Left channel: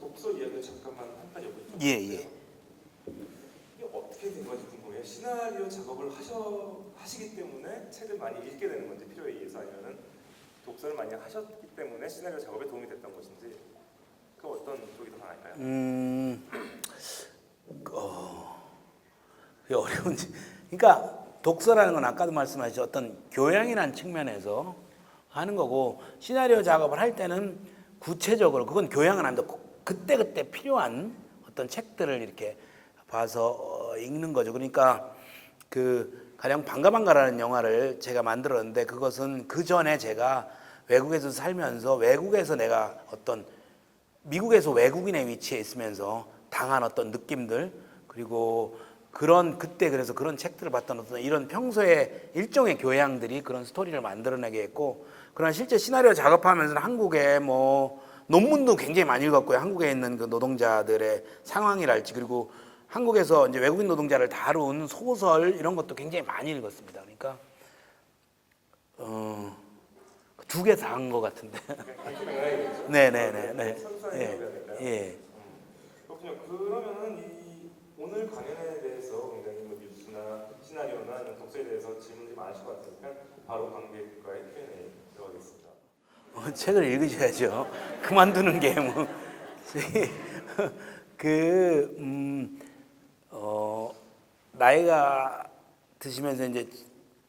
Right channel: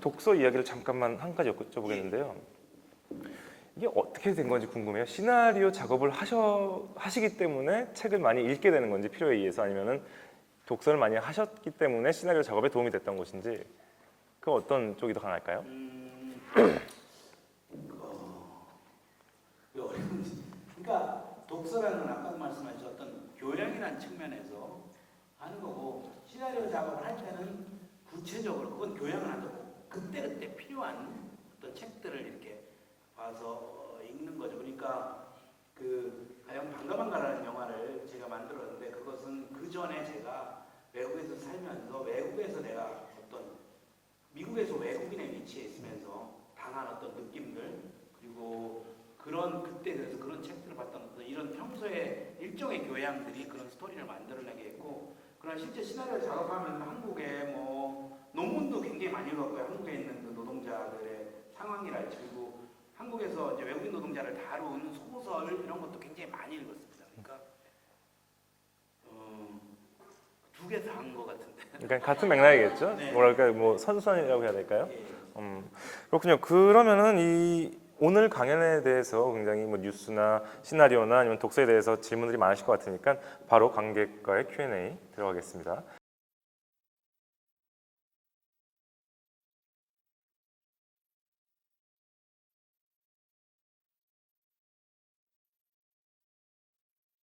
독서 이야기를 잠깐만 한 가지 여쭤보는데요. 이게 어떻게 된 건지 궁금해요. 시나리오 작업을 하시기 때문에 책을 많이 읽게 되는 건지 필요에 의해서, 아니면은 독서를 많이 하셨기 때문에 시나리오 작업에 도움이 됐던 것인지, 그 어떤 쪽이 더 강할까요? 그게 어려운지. 그러니까 독서라는 건 아까도 말씀하셨죠. 어떤 교양이라는 측면에서 하는 거고, 시나리오 작업을 할 때는 구체적으로 그건 교양은 아닌데 그때그때 필요한 어떤 책들을 이렇게 봐서 읽는 거죠. 그러니까 그 가령 반가반가라는 영화를 제가 만들었는데, 그것은 그 전에 제가 외국에서 살면서 외국에서 내가 어떤 미국에서 외국인의 위치에 있으면서 당한 어떤 느낌들, 그리고 그런 그때 그래서 그런 책들을 봤던 어떤 이런 평소에 일종의 교양들이 그런 스토리를 만들어내게 했고, 그런 실제 시나리오 작업하면서는 한국에 뭐 논문도 굉장히 많이 읽었고요. 한국에 있는 그 노동자들의 상황이랄지, 그리고 한국에서 이제 외국인 노동자를 다룬 소설 이런 것도 굉장히 많이 읽었습니다. 그러니까 두 개 다 한 것 같은데. 그러니까 같은 맥락이겠죠? 네네네. 뭐랄까, 뭐 네. 선수단이라고 해야 될까요? 예. 그렇군요. 그러면은 이 오늘 강연에 대해서 굉장히 뭐 뉴스나 시나리오나 아니면 독서에 대해서 질문들이 많으실 것 같으니까 바로 관객과의 Q&A 들어가겠습니다. 책을 읽으셔야죠. 그만두는 게 뭐. 나이가 드시면서 이제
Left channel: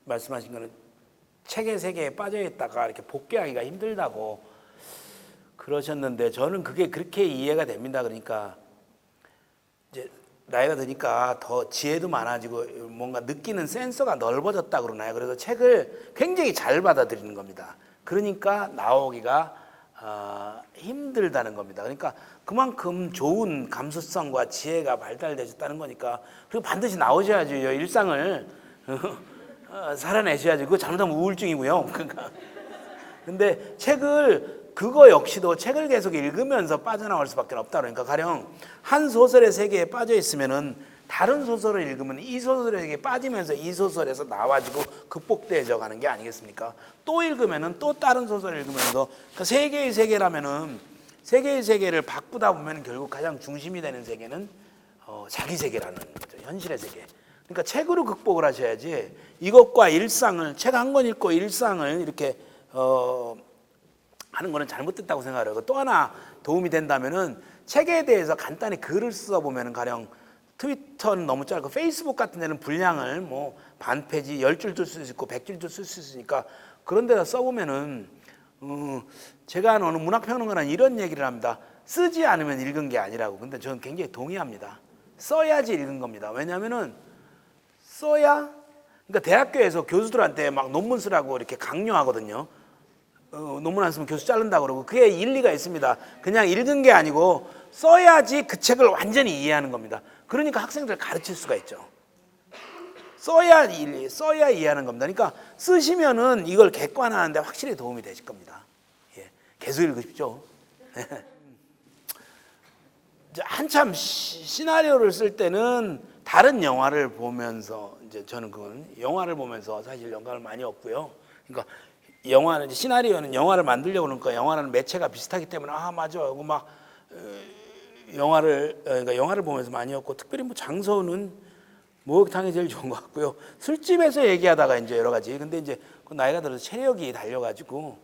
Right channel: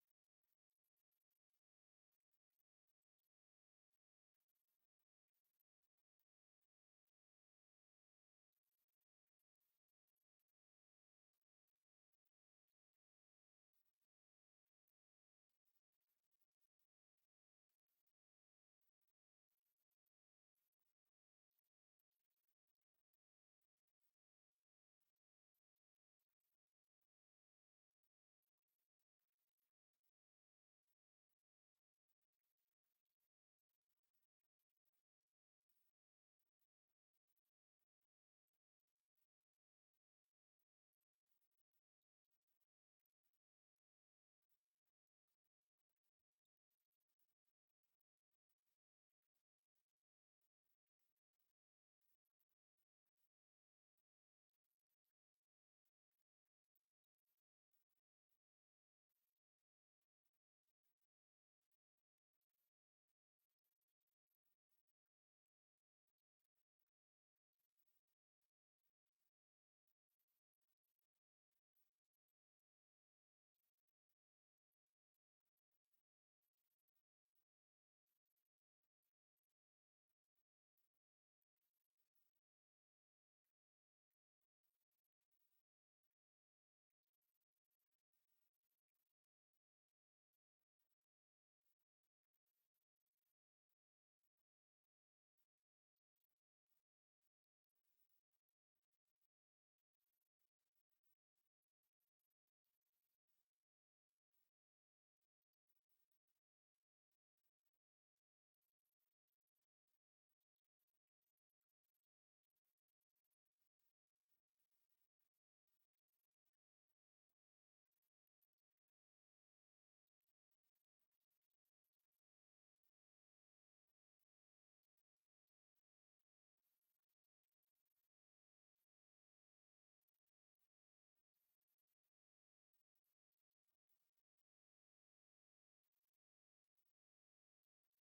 말씀하신 거는 책의 세계에 빠져 있다가 이렇게 복귀하기가 힘들다고 그러셨는데, 저는 그게 그렇게 이해가 됩니다. 그러니까 이제 나이가 드니까 더 지혜도 많아지고 뭔가 느끼는 센서가 넓어졌다 그러나요? 그래서 책을 굉장히 잘 받아들이는 겁니다. 그러니까 나오기가 힘들다는 겁니다. 그러니까 그만큼 좋은 감수성과 지혜가 발달되셨다는 거니까, 그리고 반드시 나오셔야죠. 일상을 살아내셔야죠. 그거 잘못하면 우울증이고요. 그러니까 근데 그거 역시도 책을 계속 읽으면서 빠져나올 수밖에 없다. 그러니까 가령 한 소설의 세계에 빠져 있으면은 다른 소설을 읽으면 이 소설에게 빠지면서 이 소설에서 나와지고 극복되어져 가는 게 아니겠습니까? 또 읽으면은 또 다른 소설을 읽으면서, 그러니까 세 개의 세계라면은 세 개의 세계를 바꾸다 보면 결국 가장 중심이 되는 세계는 자기 세계라는 거죠. 현실의 세계. 그러니까 책으로 극복을 하셔야지, 이것과 일상을 책 한 권 읽고 일상을 이렇게 하는 거는 잘못됐다고 생각해요. 또 하나 도움이 된다면은 책에 대해서 간단히 글을 써보면은, 가령 트위터는 너무 짧고 페이스북 같은 데는 분량을 뭐 반 페이지 10줄도 쓸 수 있고 100줄도 쓸 수 있으니까 그런 데다 써보면은, 제가 아는 어느 문학평론가는 이런 얘기를 합니다. 쓰지 않으면 읽은 게 아니라고. 근데 저는 굉장히 동의합니다. 써야지 읽은 겁니다. 왜냐하면은 써야, 그러니까 대학교에서 교수들한테 막 논문 쓰라고 이렇게 강요하거든요. 논문 안 쓰면 교수 자른다고 그러고, 그게 일리가 있습니다. 그냥 읽은 게 아니고 써야지 그 책을 완전히 이해하는 겁니다. 그러니까 학생들 가르칠 수가 있죠. 써야 이해하는 겁니다. 그러니까 쓰시면은 이걸 객관화하는데 확실히 도움이 되실 겁니다. 예, 계속 읽으십시오. 한참 시나리오를 쓸 때는 다른 영화를 보면서, 이제 저는 그건 영화를 보면서 사실 영감을 많이 얻고요. 그러니까 영화는, 시나리오는 영화를 만들려고 그러니까 영화는 매체가 비슷하기 때문에 맞아 하고 막 그러니까 영화를 보면서 많이 얻고, 특별히 뭐 장소는 목욕탕이 제일 좋은 것 같고요. 술집에서 얘기하다가 이제 여러 가지, 근데 이제 그 나이가 들어서 체력이 달려가지고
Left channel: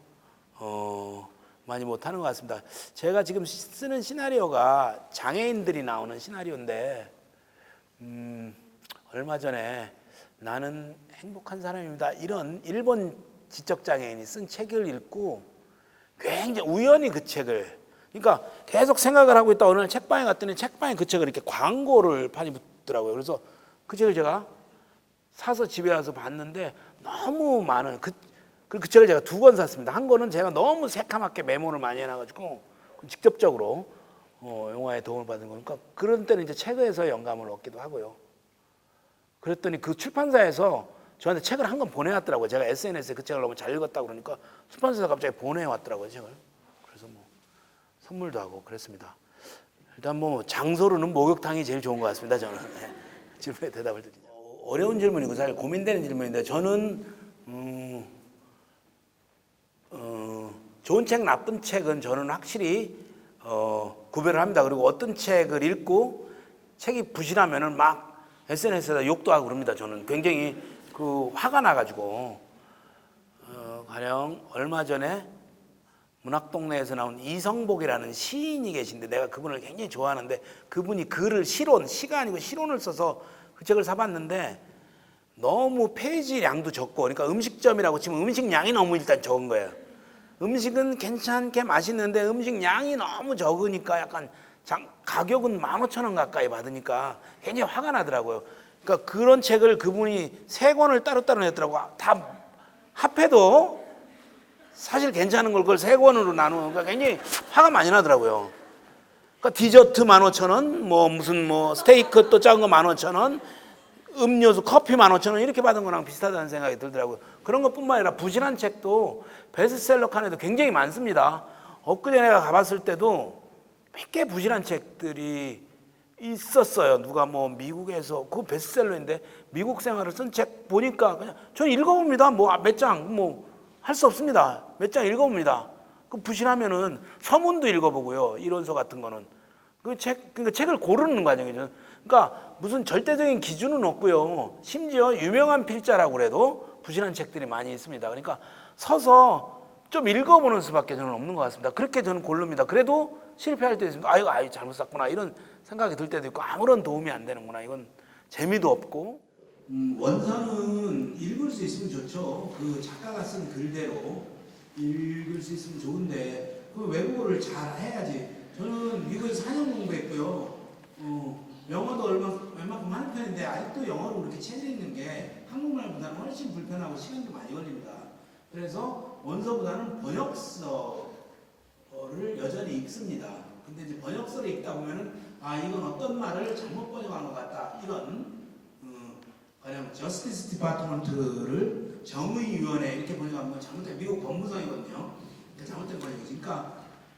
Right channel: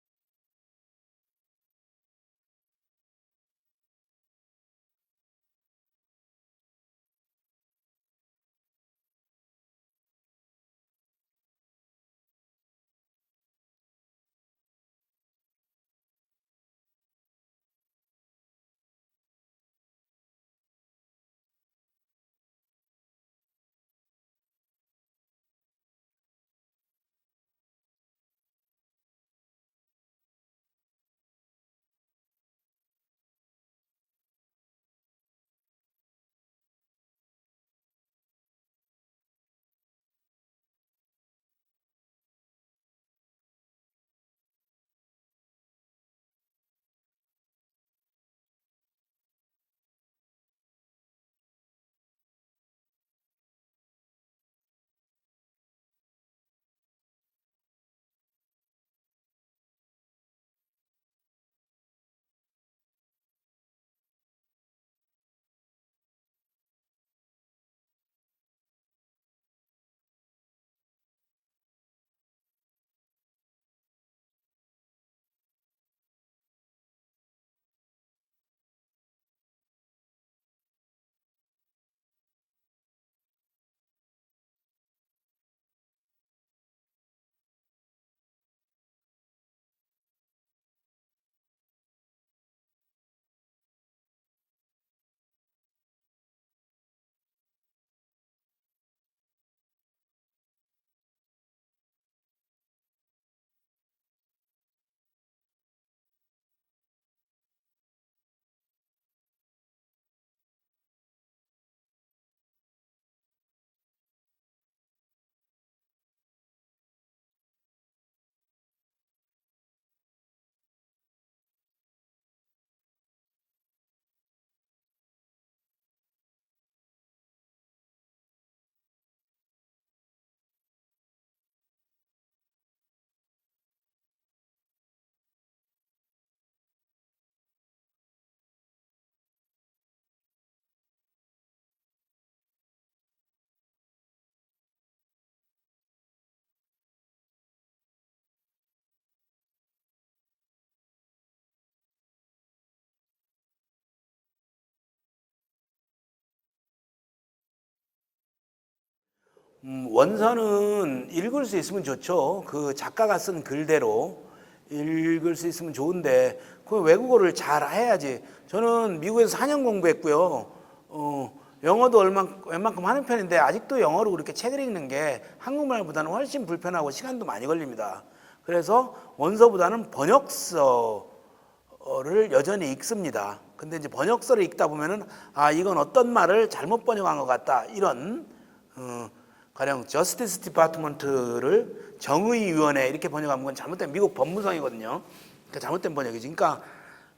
많이 못하는 것 같습니다. 제가 지금 쓰는 시나리오가 장애인들이 나오는 시나리오인데, 얼마 전에 나는 행복한 사람입니다, 이런 일본 지적장애인이 쓴 책을 읽고 굉장히 우연히 그 책을, 그러니까 계속 생각을 하고 있다 어느 날 책방에 갔더니 책방에 그 책을 이렇게 광고를 판이 붙더라고요. 그래서 그 책을 제가 사서 집에 와서 봤는데 너무 많은 그 책을 제가 2권 샀습니다. 한 권은 제가 너무 새카맣게 메모를 많이 해놔가지고 직접적으로 영화에 도움을 받은 거니까, 그런 때는 이제 책에서 영감을 얻기도 하고요. 그랬더니 그 출판사에서 저한테 책을 한 권 보내왔더라고요. 제가 SNS에 그 책을 너무 잘 읽었다고 그러니까 출판사에서 갑자기 보내왔더라고요, 책을. 그래서 뭐 선물도 하고 그랬습니다. 일단 뭐 장소로는 목욕탕이 제일 좋은 것 같습니다, 저는. 네. 질문에 대답을 드리죠. 어려운 질문이고 사실 고민되는 질문인데, 저는 좋은 책, 나쁜 책은 저는 확실히 구별을 합니다. 그리고 어떤 책을 읽고 책이 부실하면은 막 SNS에다 욕도 하고 그럽니다. 저는 굉장히 그 화가 나가지고 가령 얼마 전에 문학동네에서 나온 이성복이라는 시인이 계신데 내가 그분을 굉장히 좋아하는데 그분이 글을 시가 아니고 시론을 써서 그 책을 사봤는데 너무 페이지량도 적고 그러니까 음식점이라고 치면 음식량이 너무 일단 적은 거예요. 음식은 괜찮게 맛있는데 음식량이 너무 적으니까 약간 가격은 15,000원 가까이 받으니까 굉장히 화가 나더라고요. 그러니까 그런 책을 그분이 3권을 따로따로 냈더라고. 다 합해도 사실 괜찮은 걸 그걸 3권으로 나누니까 굉장히 화가 많이 나더라고요. 그러니까 디저트 15,000원, 뭐 무슨 뭐 스테이크 또 작은 거 15,000원, 음료수 커피 15,000원 이렇게 받은 거랑 비슷하다는 생각이 들더라고요. 그런 것뿐만 아니라 부실한 책도 베스트셀러 칸에도 굉장히 많습니다. 엊그제 내가 가봤을 때도 몇 개 부실한 책들이 있었어요. 누가 뭐 미국에서 그 베스트셀러인데 미국 생활을 쓴 책 보니까 그냥 저는 읽어봅니다. 뭐 몇 장 뭐 할 수 없습니다. 몇 장 읽어봅니다. 그 부실하면은 서문도 읽어보고요. 이론서 같은 거는 그러니까 책을 고르는 과정이죠. 그러니까 무슨 절대적인 기준은 없고요. 심지어 유명한 필자라고 그래도 부실한 책들이 많이 있습니다. 그러니까 서서 좀 읽어보는 수밖에 저는 없는 것 같습니다. 그렇게 저는 고릅니다. 그래도 실패할 때 있습니다. 아유 잘못 샀구나 이런 생각이 들 때도 있고 아무런 도움이 안 되는구나 이건 재미도 없고 원서는 읽을 수 있으면 좋죠. 그 작가가 쓴 글대로 읽을 수 있으면 좋은데 그 외국어를 잘 해야지. 저는 미국에서 4년 공부했고요. 영어도 웬만큼 하는 편인데 아직도 영어로 그렇게 책을 읽는 게 한국말보다는 훨씬 불편하고 시간도 많이 걸립니다. 그래서 원서보다는 번역서를 여전히 읽습니다. 근데 이제 번역서를 읽다 보면은 이건 어떤 말을 잘못 번역한 것 같다 이런 가령 저스티스 디파트먼트를 정의위원회 이렇게 번역한 건 잘못된 미국 법무성이거든요. 그러니까 잘못된 번역이지.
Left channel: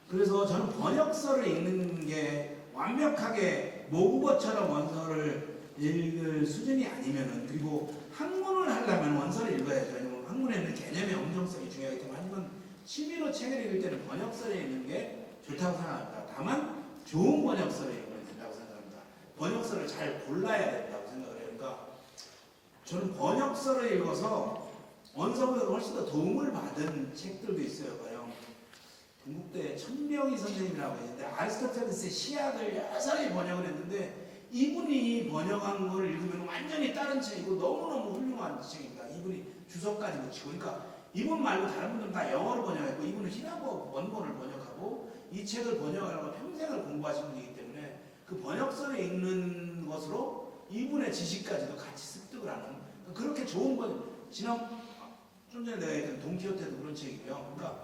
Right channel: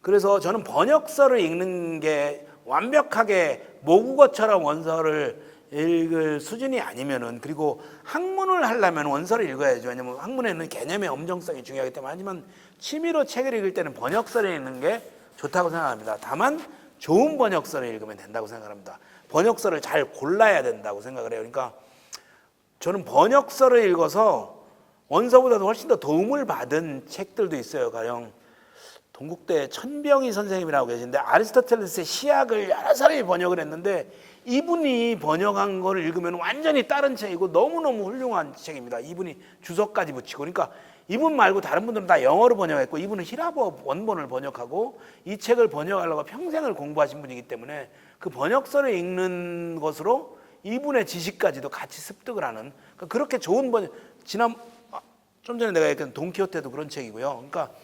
그래서 저는 번역서를 읽는 게 완벽하게 모국어처럼 원서를 읽을 수준이 아니면은 그리고 학문을 하려면 원서를 읽어야죠. 왜냐면 학문에는 개념의 엄정성이 중요하기 때문에 하지만 취미로 책을 읽을 때는 번역서를 읽는 게 좋다고 생각합니다. 다만 좋은 번역서를 읽으면 된다고 생각합니다. 번역서를 잘 골라야 된다고 생각을 해요. 그러니까 저는 번역서를 읽어서 원서보다도 훨씬 더 도움을 받은 책들도 있어요. 가령 동국대 천병희 선생님이라고 계신데 아리스토텔레스의 시약을 여러 사람이 번역을 했는데 이분이 번역한 거를 읽으면 완전히 다른 책이고 너무너무 훌륭한 책입니다. 이분이 주석까지 붙이고 그러니까 이분 말고 다른 분들은 다 영어로 번역했고 이분은 히라보 원본을 번역하고 이 책을 번역하려고 평생을 공부하신 분이기 때문에 그 번역서를 읽는 것으로 이분의 지식까지도 같이 습득을 하는 그러니까 그렇게 좋은 좀 전에 내가 얘기했던 돈키호테도 그런 책이고요. 그러니까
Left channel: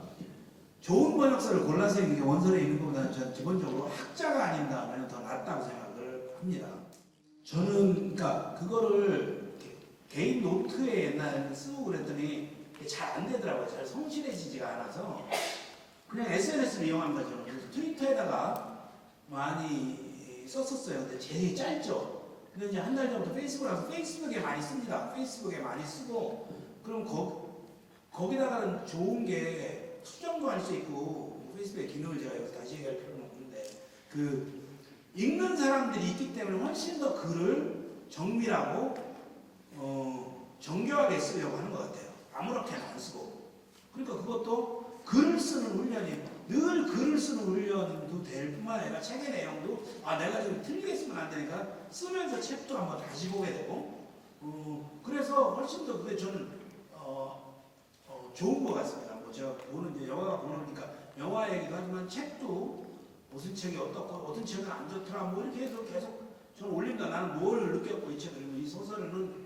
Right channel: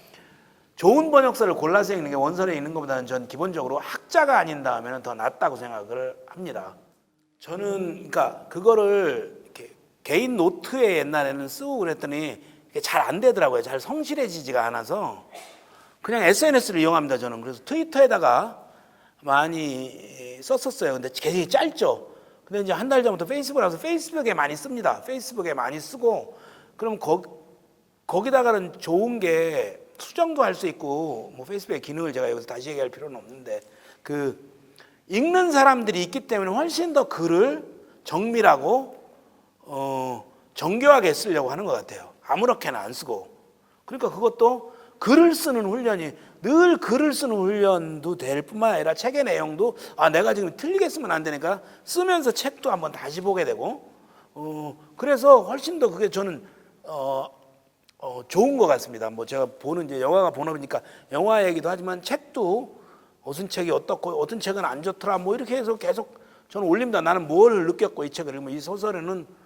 좋은 번역서를 골라서 읽는 게 원서를 읽는 것보다는 저는 기본적으로 학자가 아닌 다음에는 더 낫다고 생각을 합니다. 저는 그러니까 그거를 개인 노트에 옛날에는 쓰고 그랬더니 잘 안 되더라고요. 잘 성실해지지가 않아서 그냥 SNS를 이용합니다. 저는 그래서 트위터에다가 많이 썼었어요. 근데 굉장히 짧죠. 근데 이제 한 달 전부터 페이스북을 해서 페이스북에 많이 씁니다. 페이스북에 많이 쓰고 그럼 거기다가는 좋은 게 수정도 할 수 있고 뭐 페이스북의 기능을 제가 여기서 다시 얘기할 필요는 없는데 그 읽는 사람들이 있기 때문에 훨씬 더 글을 정밀하고 정교하게 쓰려고 하는 것 같아요. 아무렇게나 안 쓰고 그러니까 그것도 글을 쓰는 훈련이 늘 글을 쓰는 훈련도 될 뿐만 아니라 책의 내용도 내가 지금 틀리게 쓰면 안 되니까 쓰면서 책도 한번 다시 보게 되고 그래서 훨씬 더 그게 저는 좋은 것 같습니다. 뭐 제가 보는 이제 영화가 보나 보니까 영화 얘기도 하지만 책도 어떤 책이 어떻고 어떤 책은 안 좋더라 뭐 이렇게 해서 계속 저는 올립니다. 나는 뭘 느꼈고 이 책을 읽으면 이 소설에는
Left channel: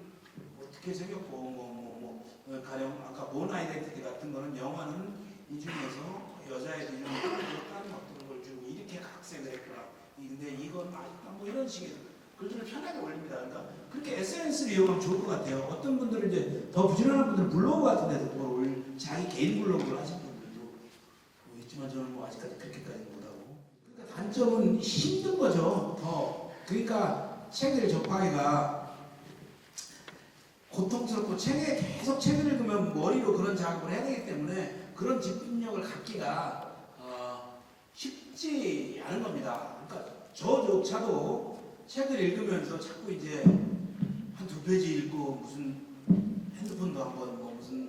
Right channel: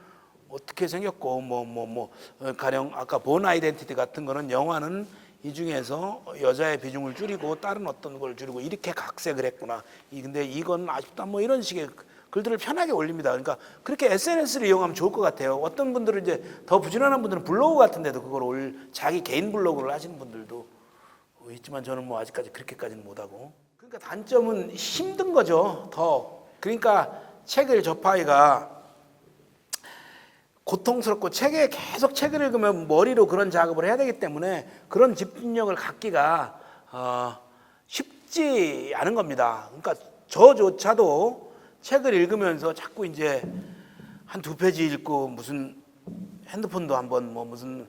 어떻게 생겼고 가령 아까 본 아이덴티티 같은 거는 영화는 이 중에서 여자의 비중을 줄이고 다른 어떤 걸 줄이고 이렇게 각색을 했구나. 근데 이건 아쉽다 뭐 이런 식의 글들을 편하게 올립니다. 그러니까 그렇게 SNS를 이용하면 좋을 것 같아요. 어떤 분들은 이제 더 부지런한 분들은 블로그 같은 데도 그걸 자기 개인 블로그를 하시는 분들도 있지만 저는 뭐 아직까지 그렇게까지는 못하고 그러니까 단점은 힘든 거죠. 그러니까 책을 접하기가 고통스럽고 계속 책을 읽으면 머리로 그런 작업을 해야 되기 때문에 그런 집중력을 갖기가 쉽지 읽지 않은 겁니다. 그러니까 저조차도 책을 읽으면서 자꾸 이제 한 2페이지 읽고 무슨 핸드폰도 한번 뭐 무슨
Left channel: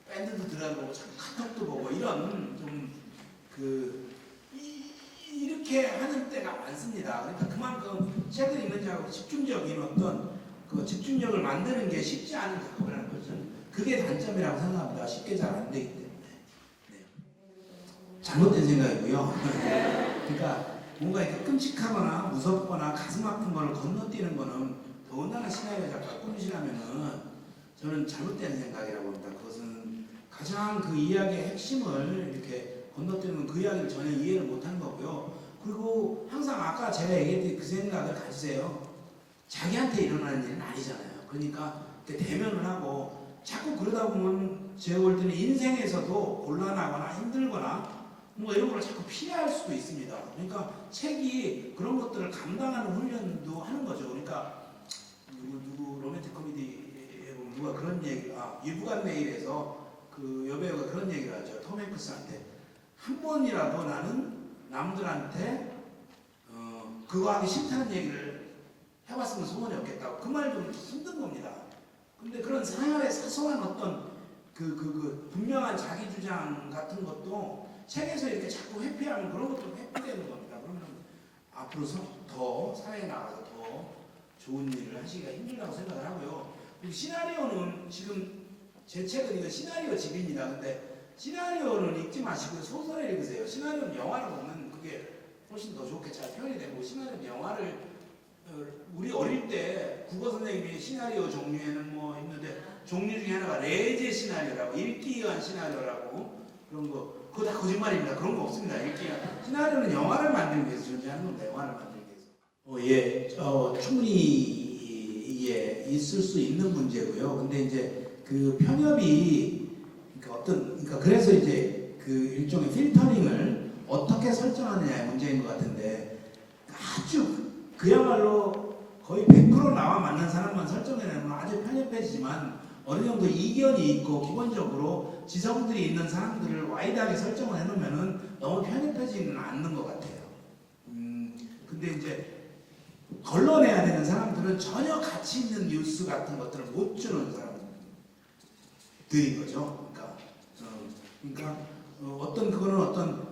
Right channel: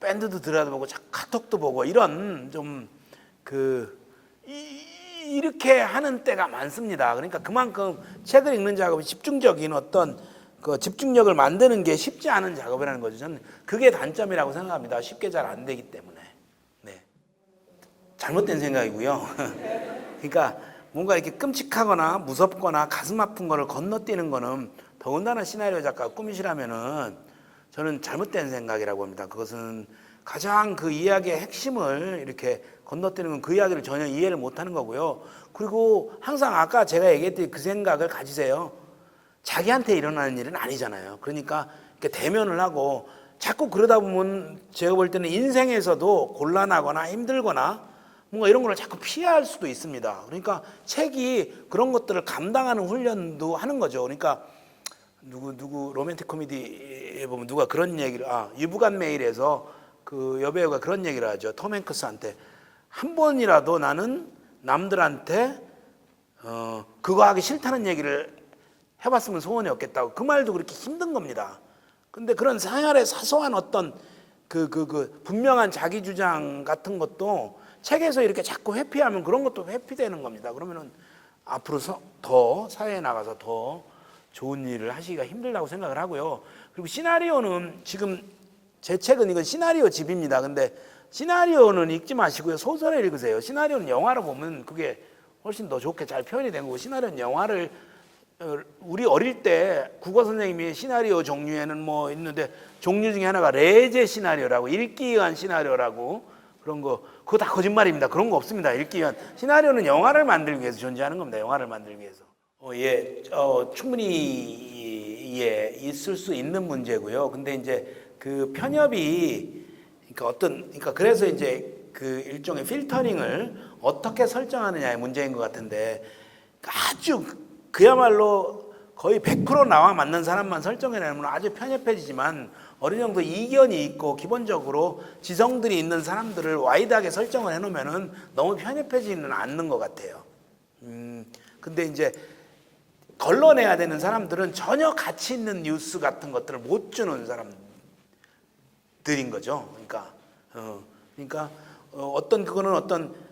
밴드도 들어보고 자꾸 카톡도 보고 이런 좀 이렇게 하는 때가 많습니다. 그러니까 그만큼 책을 읽는 작업이 집중적인 어떤 그 집중력을 만드는 게 쉽지 않은 작업이라는 거죠. 저는 그게 단점이라고 생각합니다. 쉽게 잘 안 되기 때문에. 네. 잘못된 생각이고요. 그러니까 뭔가 이렇게 끔찍하거나 무섭거나 가슴 아픈 거를 건너뛰는 거는 더군다나 시나리오 작가 꿈이시라면은 저는 잘못된 생각이라고 봅니다. 그것은 가장 그 이야기의 핵심을 이렇게 건너뛰는 건 그 이야기를 전혀 이해를 못하는 거고요. 그리고 항상 아까 제가 얘기했듯이 그 생각을 가지세요. 자기한테 일어나는 일은 아니잖아요. 그러니까 이렇게 대면을 하고 자꾸 그러다 보면 제가 볼 때는 인생에서도 곤란하거나 힘들거나 뭔가 이런 걸 자꾸 피할 수도 있습니다. 그러니까 책이 그런 것들을 감당하는 훈련도 하는 거죠. 그러니까 누구 로맨틱 코미디에 보면 누가 그런 얘기를 유부간 메일에서 그 여배우가 그런 얘기를 하죠. 톰 행크스한테 한 번이라도 나는 남들한테 그거 하기 싫다는 얘기를 해봤으면 소원이 없겠다고. 그 말도 그렇게 힘든 겁니다. 근데 그런 생활의 사소한 어떤 그 분명한 자기 주장 같은 것도 책에서 이렇게 자꾸 회피하면 그런 것도 회피되는 겁니다. 그러면은 앞으로서 더 사회에 나가서 더 좋은 일을 하시기가 힘들다고 생각을 하고요. 그리고 시나리오는 지금 제 책은 이건 시나리오 집입니다. 근데 시나리오는 읽지 마시고요. 소설을 읽으세요. 시나리오는 영화로 보면 그게 훨씬 더 좋게 잘 표현이 된 거고, 시나리오는 영화를 우리 어릴 때 국어 선생님이 시나리오 종류에는 뭐 있는데 종류 중에 하나가 레제 시나리오라고, 읽기 위한 시나리오라고 그런 거, 그거 다 거짓말입니다. 그런 거 없습니다. 읽기 위한 시나리오는 영화를 만들기 위해서 존재하는 겁니다. 영화를 만들기 위해서. 충분히 있을 수 있는 문제고요. 근데 이제 그 편협이 그러니까 그래서 이제 그 일종의 필터링을 어떻게 설정하느냐의 문제인 것 같은데, 아주 그야말로 거의 100% 나와 맞는 사람만 설정해내면 아주 편협해지지만 어느 정도 이견이 있고 기본적으로 지성들이 있는 사람들을 와이드하게 설정을 해놓으면은 너무 편협해지는 않는 것 같아요. 근데 이제 걸러내야 되는 사람들은 전혀 가치 있는 뉴스 같은 것들을 못 주는 사람들인 거죠. 그러니까 그거는 어떤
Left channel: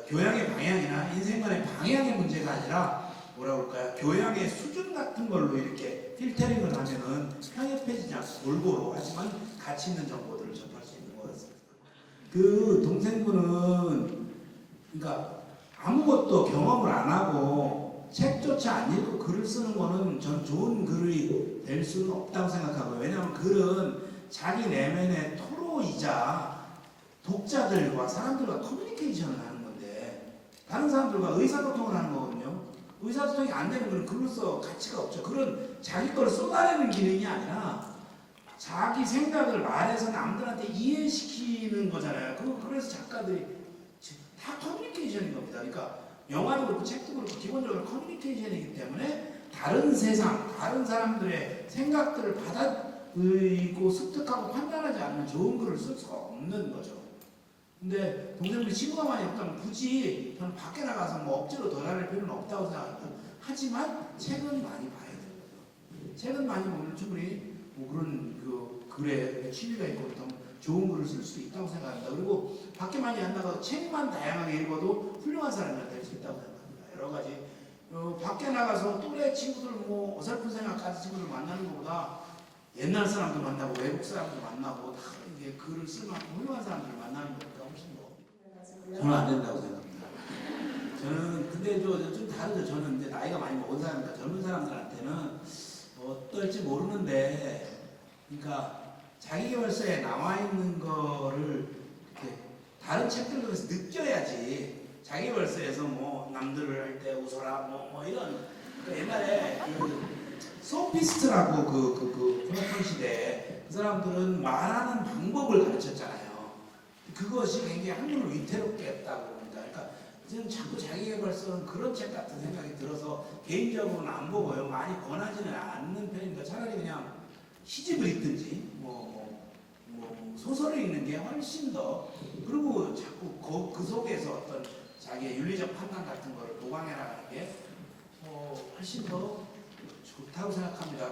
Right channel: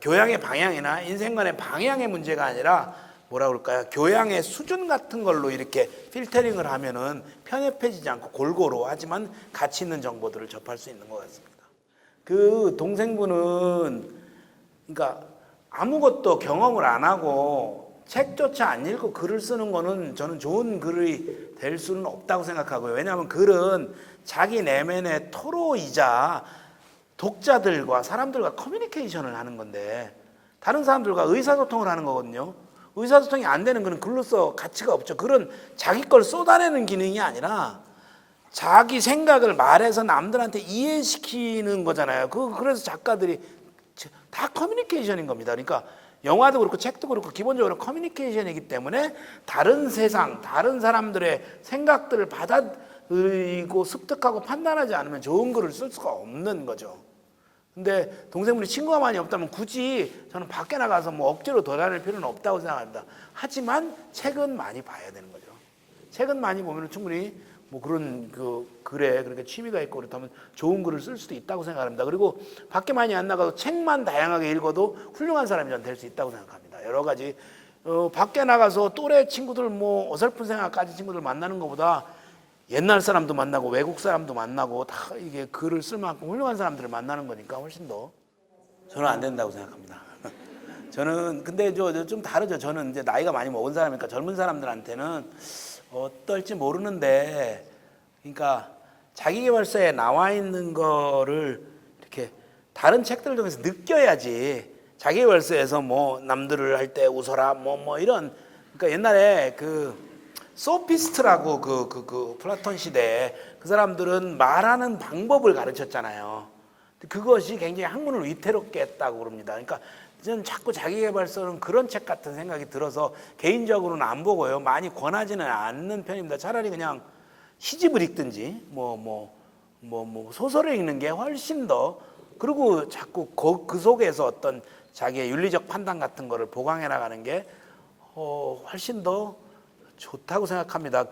교양의 방향이나 인생관의 방향의 문제가 아니라 뭐라 그럴까요? 교양의 수준 같은 걸로 이렇게 필터링을 하면은 편협해지지 않고 골고루 하지만 가치 있는 정보들을 접할 수 있는 것 같습니다. 그 동생분은 그러니까 아무것도 경험을 안 하고 책조차 안 읽고 글을 쓰는 거는 저는 좋은 글이 될 수는 없다고 생각하고요. 왜냐하면 글은 자기 내면의 토로이자 독자들과 사람들과 커뮤니케이션을 하는 건데, 다른 사람들과 의사소통을 하는 거거든요. 의사소통이 안 되는 글은 글로서 가치가 없죠. 글은 자기 걸 쏟아내는 기능이 아니라 자기 생각을 말해서 남들한테 이해시키는 거잖아요. 그래서 작가들이 다 커뮤니케이션인 겁니다. 그러니까 영화도 그렇고 책도 그렇고 기본적으로 커뮤니케이션이기 때문에 다른 세상, 다른 사람들의 생각들을 받아들이고 습득하고 판단하지 않으면 좋은 글을 쓸 수가 없는 거죠. 근데 동생분이 친구가 많이 없다면 굳이 저는 밖에 나가서 뭐 억지로 돌아다닐 필요는 없다고 생각합니다. 하지만 책은 많이 봐야 되는 거죠. 책은 많이 보면 충분히 뭐 그런 글에 그렇게 취미가 있고 그렇다면 좋은 글을 쓸 수도 있다고 생각합니다. 그리고 밖에 많이 안 나가서 책만 다양하게 읽어도 훌륭한 사람이 될 수 있다고 생각합니다. 여러 가지 밖에 나가서 또래 친구들 뭐 어설픈 생각 가진 친구들 만나는 것보다 옛날 사람도 만나고 외국 사람도 만나고 다 이게 글을 쓸 만큼 훌륭한 사람들을 만나는 거니까 훨씬 더 저는 안 된다고 생각합니다. 저는 근데 좀 다르죠. 저는 이제 나이가 많이 먹은 사람이니까 젊은 사람들한테는 어떨지 모르는데, 그러니까 자기계발서에 나와 있는 거를 이렇게 다른 책들 중에서 느껴야지. 자기계발서에서 뭐 남들을 할 때 웃어라 뭐 이런, 그러니까 옛날에 소피스트라고 그 플라톤 시대에 그 사람들은 말하는 방법을 가르쳤잖아요. 그것이 굉장히 학문을 위태롭게 했다고 그럽니다. 그러니까 저는 자꾸 자기계발서는 그런 책 같은 생각이 들어서 개인적으로는 안 보고요. 많이 권하지는 않는 편입니다. 차라리 그냥 시집을 읽든지 뭐 소설을 읽는 게 훨씬 더 그리고 자꾸 그 속에서 어떤 자기의 윤리적 판단 같은 거를 보강해 나가는 게 훨씬 더 좋다고 생각합니다.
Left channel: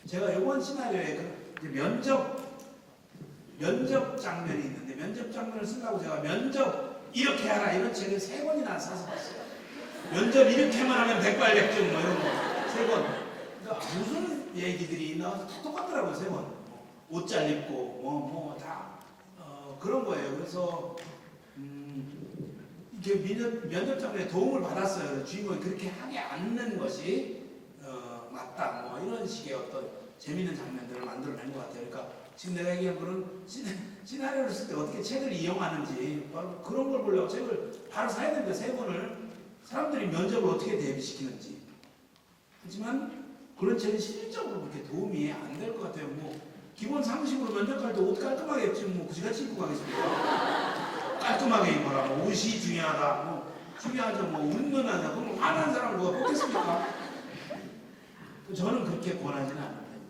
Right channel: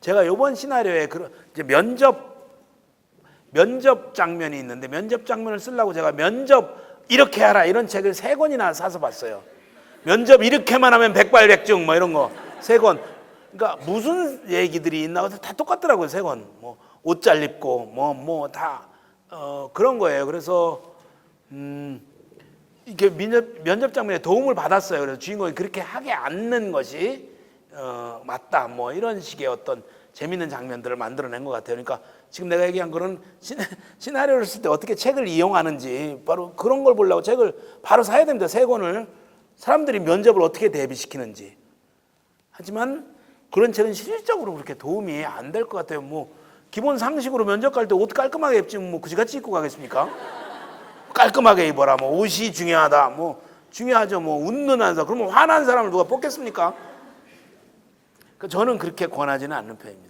제가 이번 시나리오에 면접 장면이 있는데 면접 장면을 쓰려고 제가 면접 이렇게 하라 이런 책을 3권이나 사서 봤어요. 면접 이렇게만 하면 백발백중 뭐 이런 거 3권. 그러니까 무슨 얘기들이 있나 다 똑같더라고요. 3권. 뭐 옷 잘 입고 뭐 다 그런 거예요. 그래서 이게 면접 장면에 도움을 받았어요. 그래서 주인공이 그렇게 하게 않는 것이 맞다. 뭐 이런 식의 어떤 재밌는 장면들을 만들어낸 것 같아요. 그러니까 지금 내가 얘기한 거는 시나리오를 쓸 때 어떻게 책을 이용하는지 바로 그런 걸 보려고 책을 바로 사야 됩니다. 3권을 사람들이 면접을 어떻게 대비시키는지. 하지만 그런 책은 실질적으로 그렇게 도움이 안 될 것 같아요. 뭐 기본 상식으로 면접 갈 때 옷 깔끔하게 입지 뭐 그지같이 입고 가겠습니까? 깔끔하게 입어라. 뭐 옷이 중요하다. 뭐 중요하죠. 뭐 웃는 한사 그러면 화난 사람을 누가 뽑겠습니까? 저는 그렇게 권하지는 않는 편입니다.